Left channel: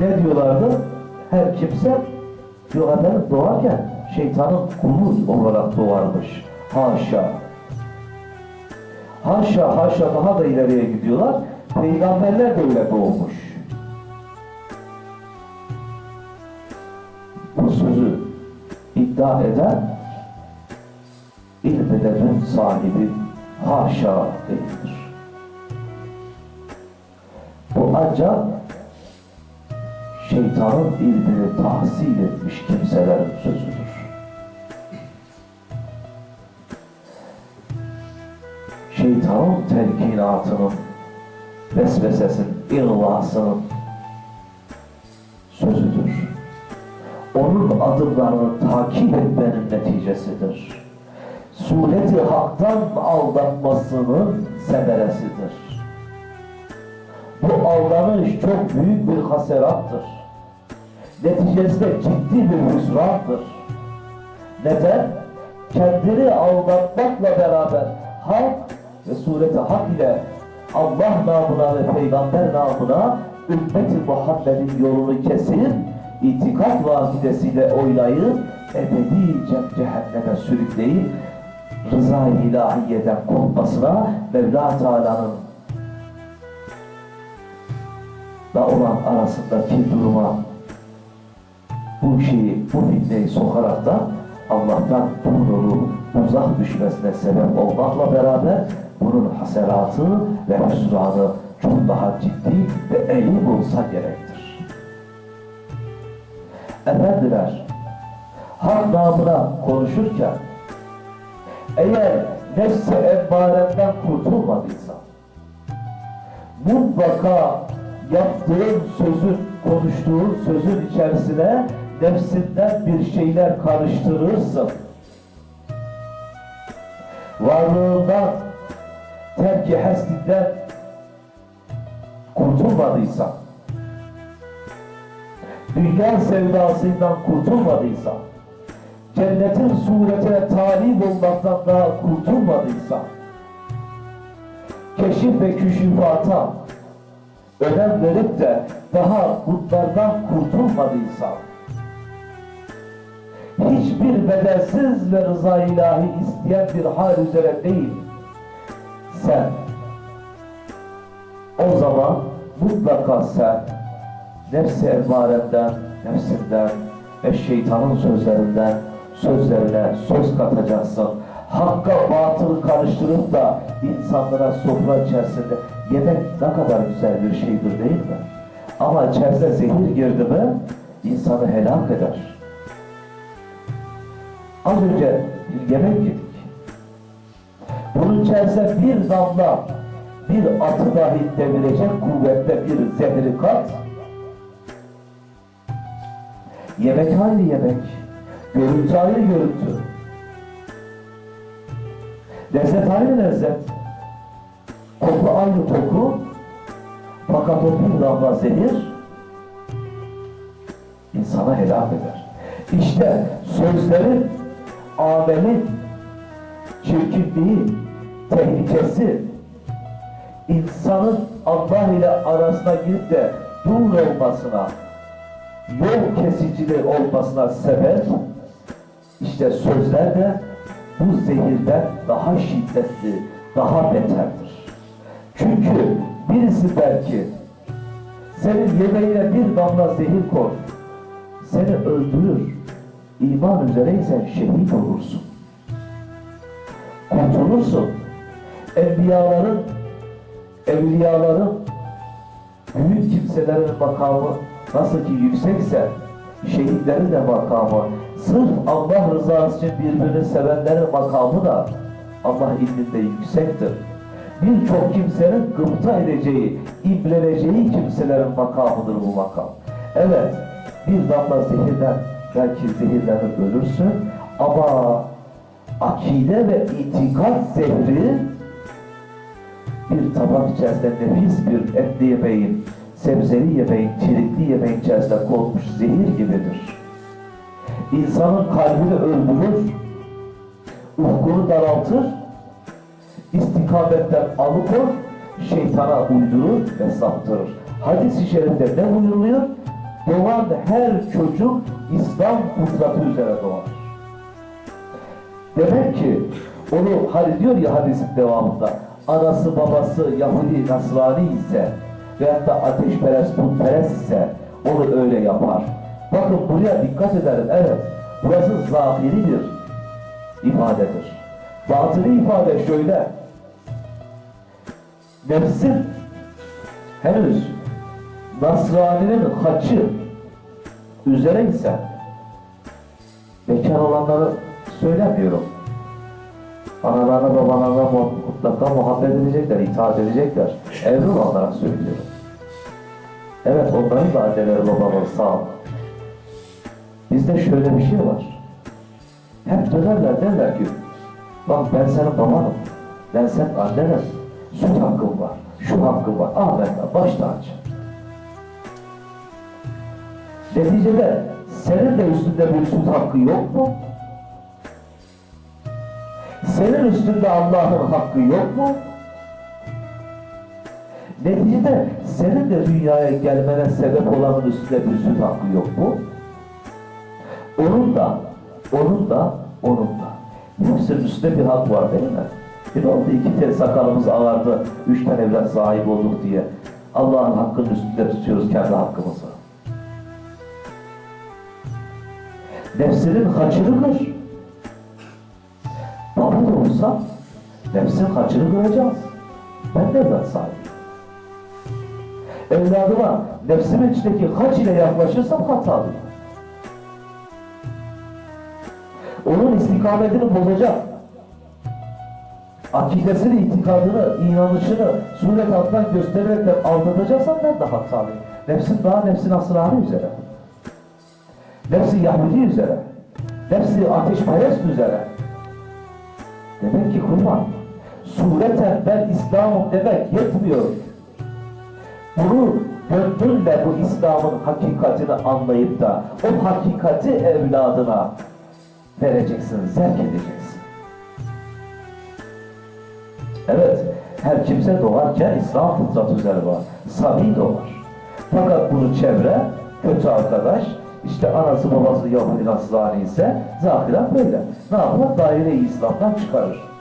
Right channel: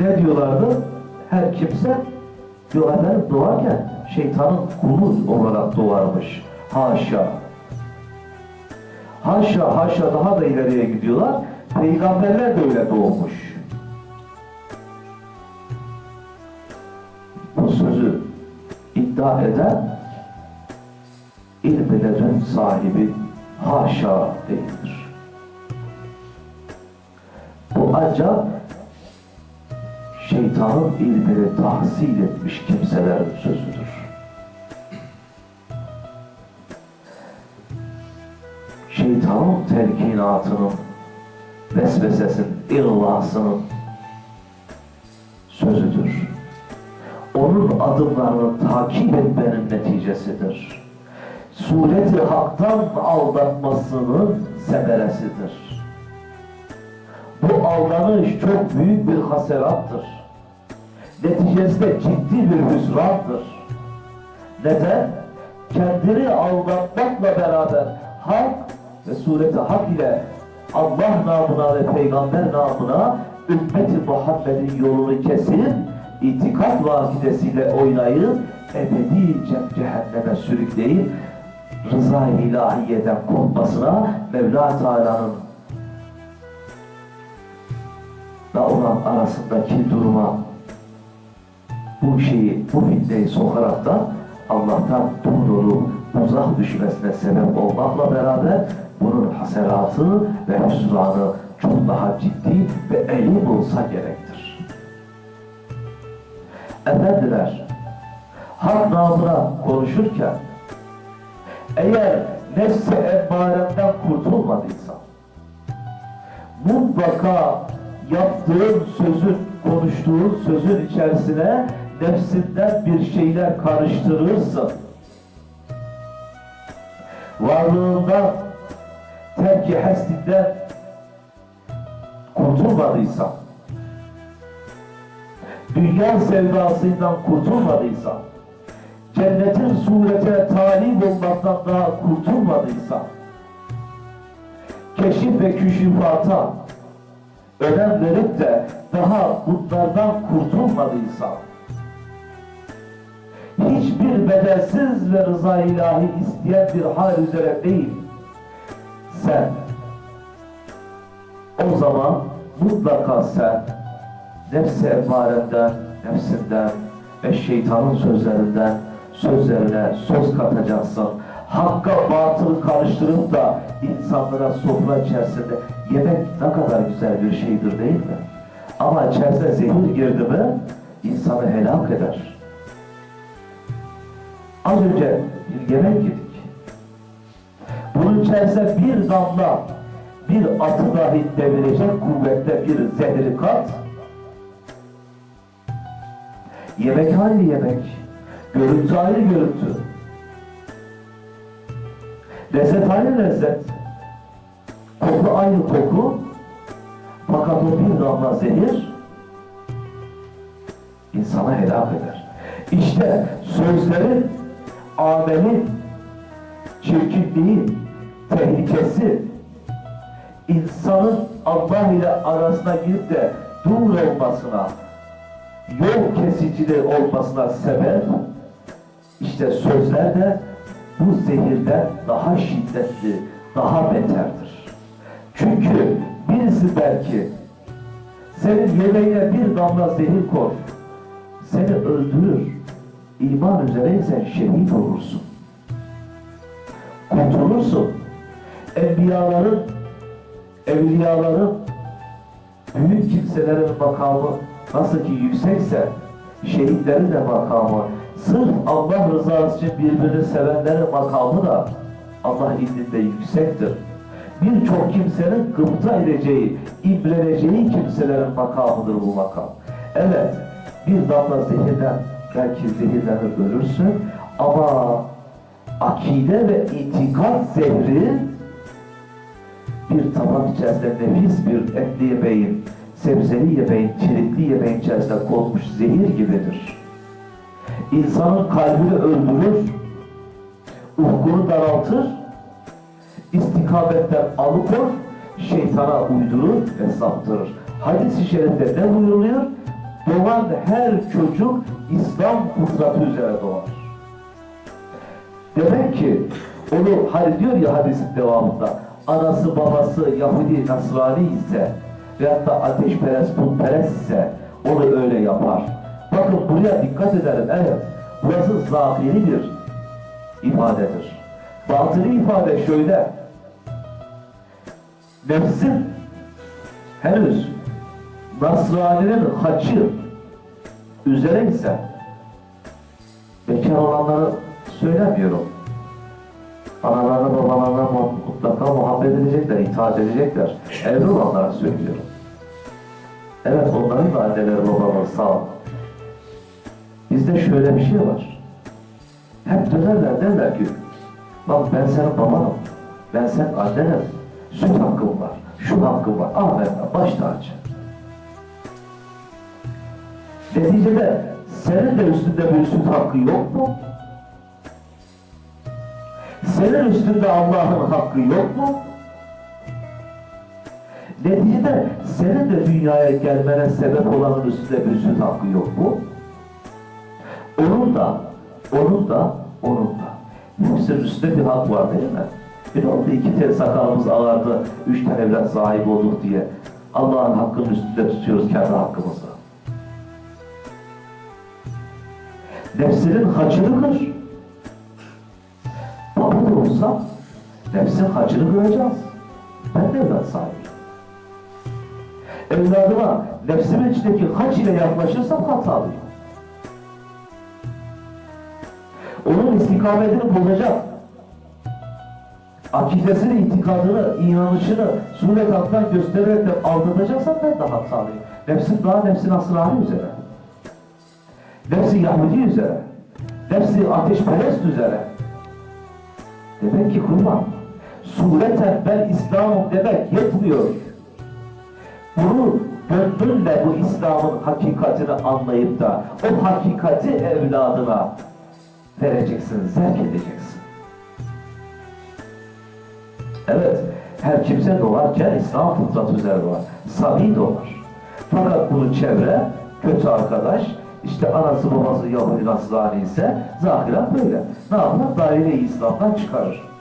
Ne diyorlardı? Her kimse diyor efendim doğarken şeytanın kulu olarak doğarmış. Haşa. Haşa haşa daha da ileriye gidiyorlar. Peygamberler de öyle doğmuş. Bu sözü iddia eden ilm ledün sahibi haşa değildir. Bu ancak şeytanın ilmini tahsil etmiş kimselerin sözüdür. Şeytanın telkinatının, vesvesesinin, ihlasının sözüdür. Onun adımlarını takip etmenin neticesidir. Sureti haktan aldatmasının semeresidir. Bu aldanış çok büyük bir haserattır. Neticesinde ciddi bir hüsrandır. Neden? Kendini aldatmakla beraber hak ve sureti hak ile Allah namına ve peygamber namına ümmeti Muhammed'in yolunu kesip itikat vakidesiyle oynayıp ebedi ce- cehenneme sürükleyip rıza-i ilahiyeden korkmasına Mevla Teala'nın da olan arasındaki duruma bu şeyi, bu fitneyi sokarak da Allah'tan doğruluğu uzak düşmesine sebep olmakla beraber bunun haseratı ve hüsranı çok daha ciddi ve elim olsa gerektir. Efendiler, hak namına konuşurken eğer nefsi emmarenden kurtulmadıysa mutlaka yaptığın sözün, konuştuğun sözün içerisine nefsinden bir şeyler karıştırırsın. Varlığından, terki hestinden kurtulmadıysan, dünya sevdasından kurtulmadıysan, cennetin suretine talip olmaktan daha kurtulmadıysan, keşif ve küşifata önem verip de daha bunlardan kurtulmadıysan, hiçbir bedelsiz ve rıza ilahi isteyen bir hal üzere değil, sen o zaman mutlaka sen nefs-i emmarenden, nefsinden ve şeytanın sözlerinden sözlerine söz katacaksın. Hakka batılı karıştırıp da insanlara sofra içerisinde yemek ne kadar güzel bir şeydir değil mi? Ama içerisine zehir girdi mi insanı helak eder. Az önce bir yemek yedik. Bunun içerisine bir damla bir atı dahi devirecek kuvvette bir zehri kat. Yemek aynı yemek. Görüntü aynı görüntü. Lezzet aynı lezzet. Koku aynı koku. Fakat o bir damla zehir insana helak eder. İşte sözlerin, amelin, çirkinliği, tehlikesi, insanın Allah ile arasına girip de dur olmasına, yol kesiciliği olmasına sebep, işte sözler de bu zehirden daha şiddetli, daha beterdir. Çünkü birisi belki senin yemeğine bir damla zehir koy, seni öldürür. İman üzereysen şehit olursun. Kurtulursun. Enbiyaların, evliyaların, büyük kimselerin makamı nasıl ki yüksekse, şehitlerin de makamı, sırf Allah rızası için birbirini sevenlerin makamı da Allah indinde yüksektir. Birçok kimsenin gıpta edeceği, imreneceği kimselerin makamıdır bu makam. Evet, bir damla zehirden belki zehirlenip ölürsün ama akide ve itikat zehri bir tabak içerisinde nefis bir etli yemeğin, sebzeli yemeğin, çelikli yemeğin içerisinde konmuş zehir gibidir. İnsanın kalbini öldürür, ufkunu daraltır, istikametten alıkor, şeytana uydurur ve saptırır. Hadis-i şerifte ne buyuruluyor? Doğan her çocuk İslam fıtratı üzere doğar. Demek ki onu hani diyor ya hadisin devamında anası babası Yahudi Nasrani ise veyahut da ateşperest putperest ise onu öyle yapar. Bakın buraya dikkat edelim. Evet. Burası zahiri bir ifadedir. Batılı ifade şöyle. Nefsin henüz Nasrani'nin haçı üzere ise bekar olanları söylemiyorum. Analarına babalarına mu- mutlaka muhabbet edecekler, itaat edecekler. Evli olanlara söylüyorum. Evet onların da anneleri babaları sağ ol. Bizde şöyle bir şey var. Hep dönerler derler ki Bak ben senin babanım. Ben senin annenim. Süt hakkım var. Şu hakkım var. Amenna. Baş tacı. Neticede senin de üstünde süt hakkı yok mu? Senin üstünde Allah'ın hakkı yok mu? Neticede senin de dünyaya gelmene sebep olanın üstünde süt hakkı yok mu? Onun da, onun da, onun da. Hepsinin üstünde bir hak var değil mi? Bir de oldu iki tel sakalımız ağardı, üç tane evlat sahibi olduk diye. Allah'ın hakkının üstünde tutuyoruz kendi hakkımızı. Nefsinin haçını kır. Baba da olsa nefsin haçını kıracağız. Ben de evlat sahibiyim. Evladıma nefsimin içindeki haç ile yaklaşırsam hatalıyım. Onun istikametini bozacak. Akidesini, itikadını, inanışını suret alttan göstererek de aldatacaksam ben de hatalıyım. Nefsin daha nefsin asrarı üzere. Nefsi Yahudi üzere. Nefsi ateşperest üzere. Demek ki kurban. Sureten ben İslam'ım demek yetmiyor. Bunu gönlünle bu İslam'ın hakikatini anlayıp da o hakikati evladına vereceksin, zevk edeceksin. Evet, her kimse doğarken İslam fıtratı üzere var. Sami doğar. Fakat bunu çevre, kötü arkadaş, işte anası babası Yahudi Nasrani ise zahiren böyle. Ne yapar? Daire-i İslam'dan çıkarır.